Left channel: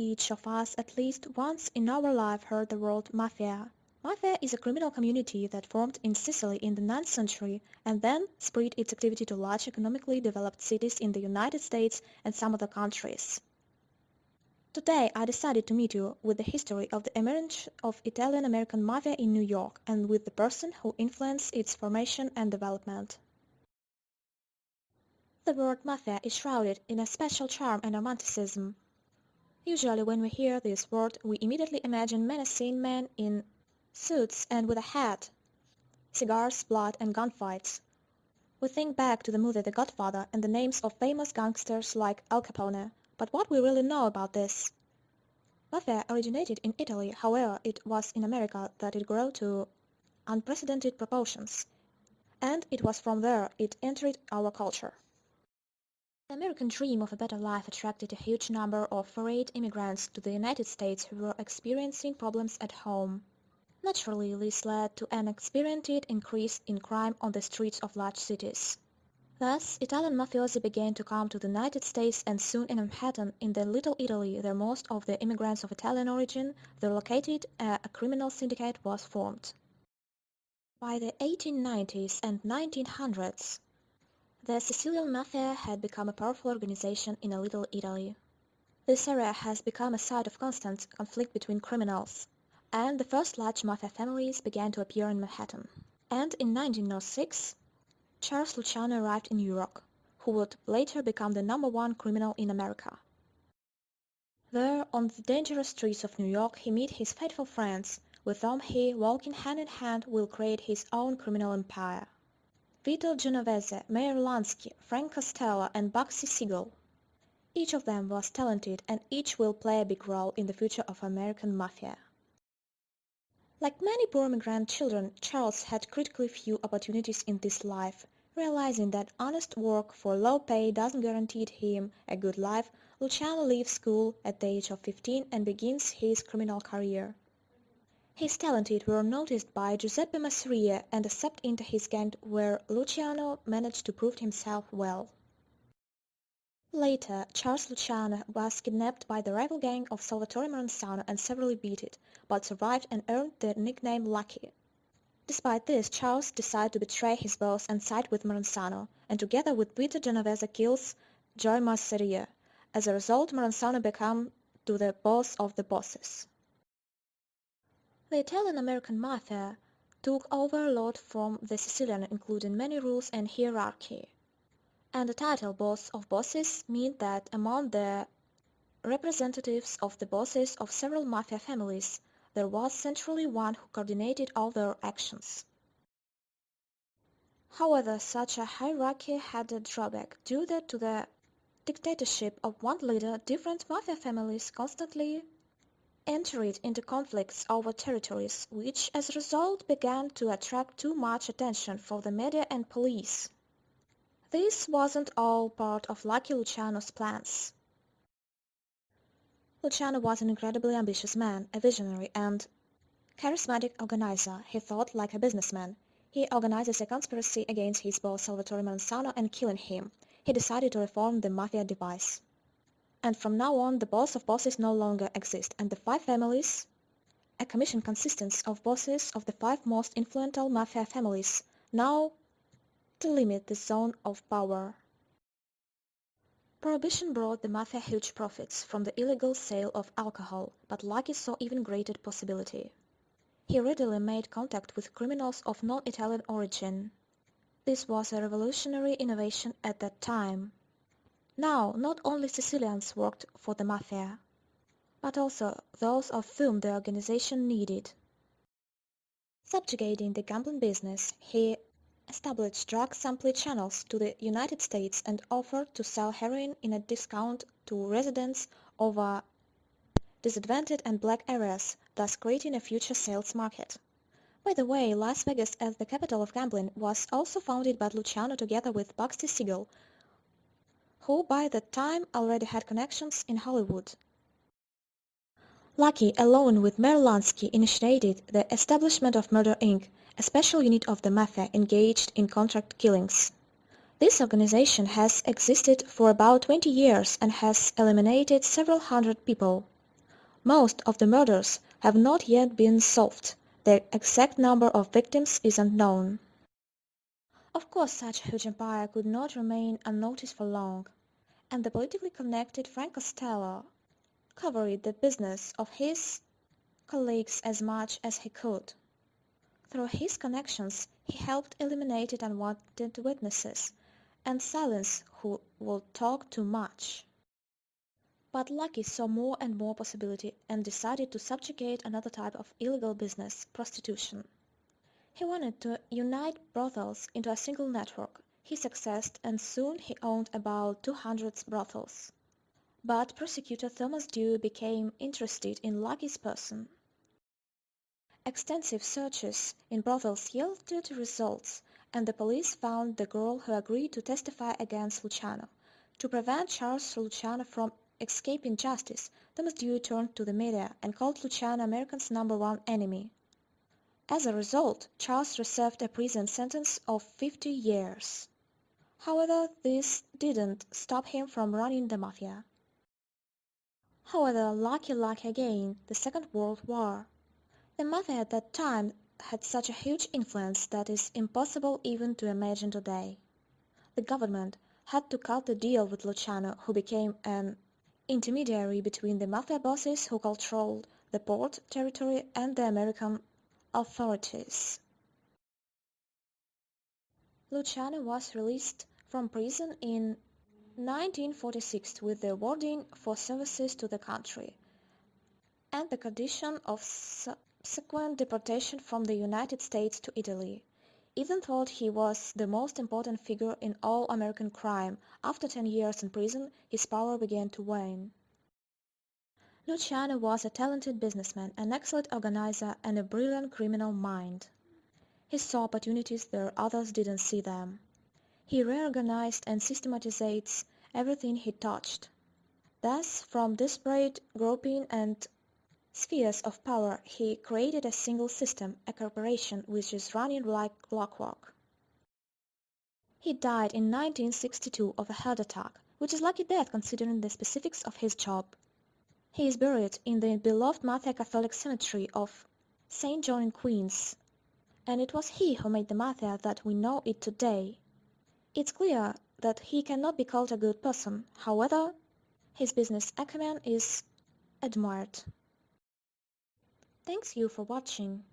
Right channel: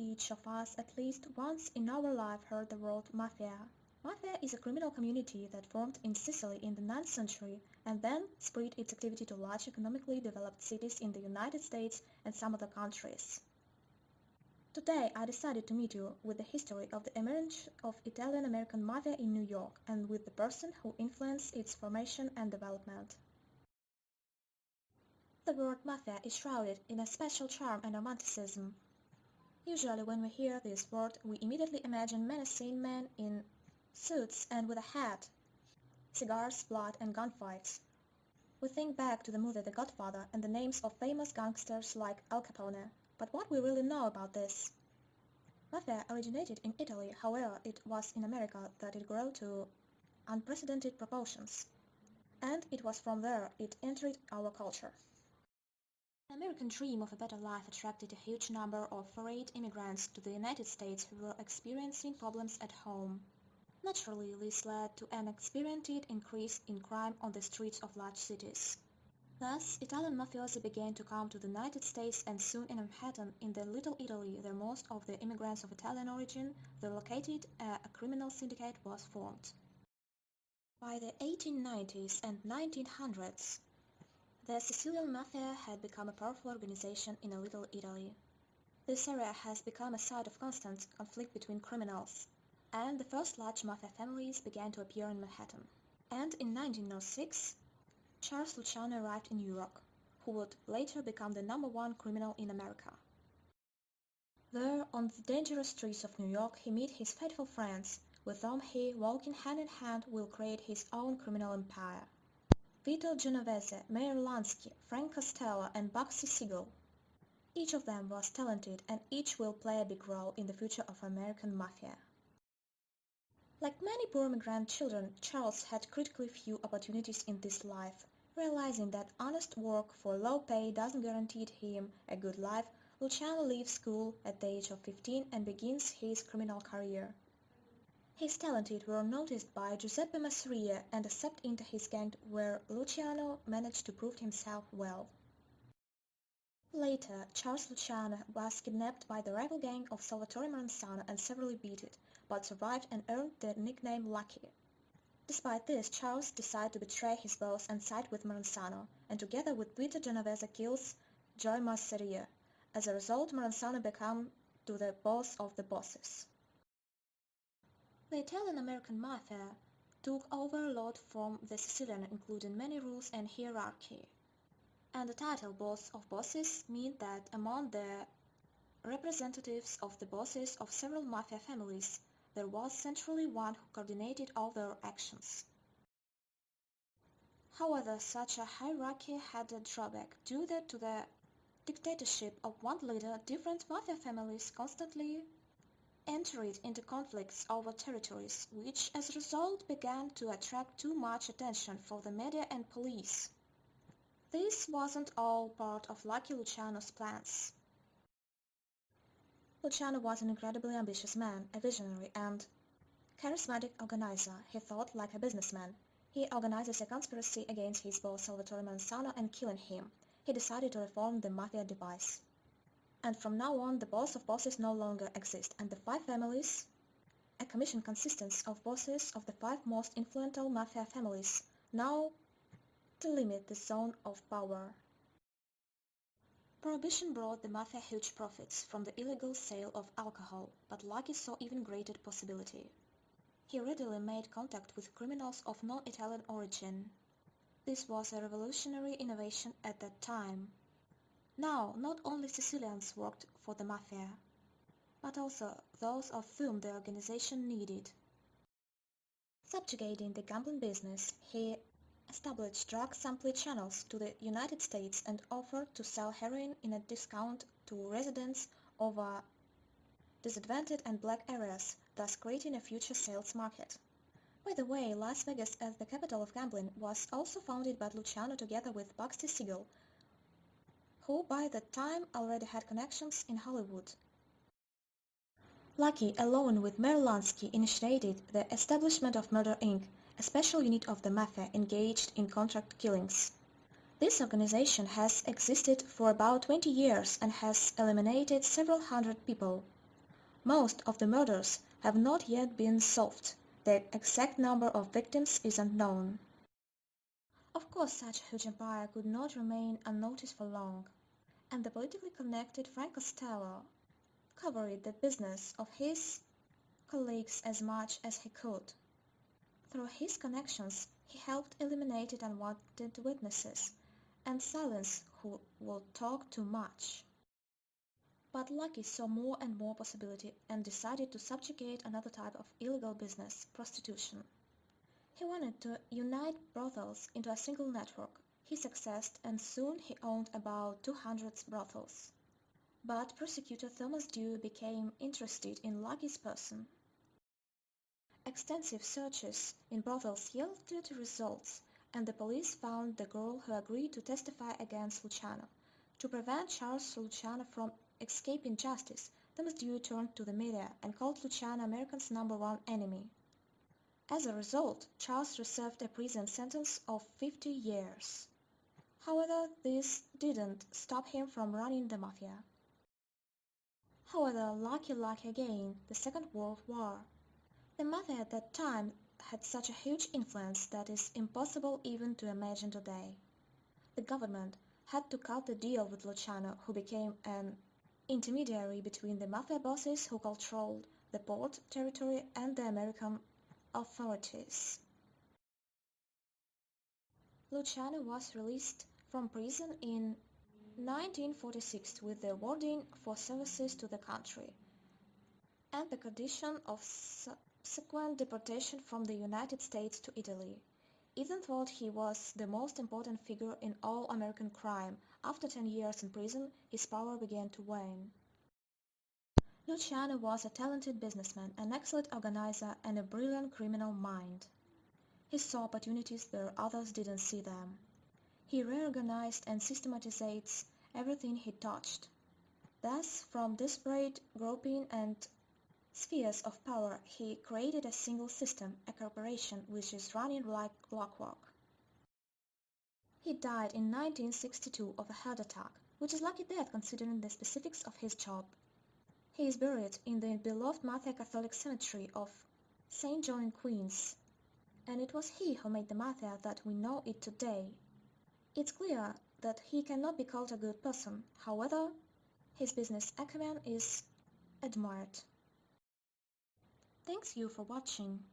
each of us at least once in our life heard the word Mafia. Mafia is a criminal community that formed in Sicily in the 9th century and then spread its activity to large economically developed cities in the United States and some other countries. Today I decided to meet you with the history of the emergence of Italian-American Mafia in New York and with the person who influenced its formation and development. The word Mafia is shrouded in a special charm and romanticism. Usually when we hear this word, we immediately imagine menacing men in suits and with a hat, cigars, blood and gunfights. We think back to the movie The Godfather and the names of famous gangsters like Al Capone, but what we really know about this? Mafia originated in Italy, however it was in America that it grew to unprecedented proportions, and it was from there it entered our culture. The American dream of a better life attracted a huge number of foreign immigrants to the United States who were experiencing problems at home. Naturally, this led to an unprecedented increase in crime on the streets of large cities. Thus, Italian mafiosi began to come to the United States and soon in Manhattan, in the Little Italy, where most of the immigrants of Italian origin were located, a criminal syndicate was formed. By the 1890s and 1900s, the Sicilian Mafia had become a powerful organization in a Little Italy. This area has become a site of constant conflict between criminals, and the first large Mafia families began to appear in Manhattan. And in 1906, Charles Luciano arrived in New York, who would later become the #1 criminal in America. There, on the dangerous streets of New York, he met his faithful friends, with whom he, walking hand in hand, will create his own criminal empire. Vito Genovese, Meyer Lansky, Frank Costello and Bugsy Siegel. Each of them was talented and each will play a big role in the future of American Mafia. Like many poor immigrant children, Charles had critically few opportunities in this life. Realizing that honest work for low pay doesn't guarantee him a good life, Luciano leaves school at the age of 15 and begins his criminal career. His talents were noticed by Giuseppe Masseria and accepted into his gang where Luciano managed to prove himself well. Later, Charles Luciano was kidnapped by the rival gang of Salvatore Maranzano and severely beaten, but survived and earned the nickname Lucky. Despite this, Charles decided to betray his boss and side with Maranzano, and together with Vito Genovese kills Joe Masseria. As a result, Maranzano became the boss of the bosses. The Italian-American Mafia took over a lot from the Sicilian, including many rules and hierarchy. And the title boss of bosses meant that among the representatives of the bosses of several mafia families, there was centrally one who coordinated all their actions. However, such a hierarchy had a drawback. Due to the dictatorship of one leader, different mafia families constantly entered into conflicts over territories, which as a result began to attract too much attention from the media and police. This wasn't all part of Lucky Luciano's plans. Luciano was an incredibly ambitious man, a visionary and charismatic organizer. He thought like a businessman. He organized a conspiracy against his boss Salvatore Maranzano and killing him. He decided to reform the mafia device. And from now on, the boss of bosses no longer exists, and the 5 families, a commission consists of bosses of the 5 most influential mafia families, now delimit the zone of power. Prohibition brought the mafia huge profits from the illegal sale of alcohol, but Lucky saw even greater possibility. He readily made contact with criminals of non-Italian origin. This was a revolutionary innovation at that time. Now, not only Sicilians worked for the Mafia, but also those of whom the organization needed. Subjugating the gambling business, he established drug supply channels to the United States and offered to sell heroin in a discount to residents of disadvantaged and black areas, thus creating a future sales market. By the way, Las Vegas as the capital of gambling was also founded by Luciano together with Bugsy Siegel, who by that time already had connections in Hollywood. Lucky, along with Meyer Lansky, initiated the establishment of Murder Inc., a special unit of the Mafia engaged in contract killings. This organization has existed for about 20 years and has eliminated several hundred people. Most of the murders have not yet been solved. The exact number of victims is unknown. Of course, such a huge empire could not remain unnoticed for long, and the politically connected Frank Costello covered the business of his colleagues as much as he could. Through his connections, he helped eliminate unwanted witnesses and silence who would talk too much. But Lucky saw more and more possibility and decided to subjugate another type of illegal business, prostitution. He wanted to unite brothels into a single network. He succeeded and soon he owned about 200 brothels. But prosecutor Thomas Dew became interested in Lucky's person. Extensive searches in brothels yielded results, and the police found the girl who agreed to testify against Luciano. To prevent Charles Luciano from escaping justice, Thomas Dew turned to the media and called Luciano America's #1 enemy. As a result, Charles received a prison sentence of 50 years. However, this didn't stop him from running the Mafia. However, lucky again, the Second World War. The Mafia at that time had such a huge influence that is impossible even to imagine today. The government had to cut the deal with Luciano, who became an intermediary between the Mafia bosses who controlled the port territory and the American authorities. Luciano was released from prison in 1946 with the awarding for services to the country and the condition of subsequent deportation from the United States to Italy. Even though he was the most important figure in all American crime, after 10 years in prison, his power began to wane. Luciano was a talented businessman, an excellent organizer, and a brilliant criminal mind. He saw opportunities where others didn't see them. He reorganized and systematized everything he touched. Thus, from disparate grouping and spheres of power, he created a single system, a corporation which is running like clockwork. He died in 1962 of a heart attack, which is lucky death considering the specifics of his job. He is buried in the beloved Mafia Catholic cemetery of St. John in Queens, and it was he who made the Mafia that we know it today. It's clear that he cannot be called a good person, however, his business acumen is admired. Thanks you for watching.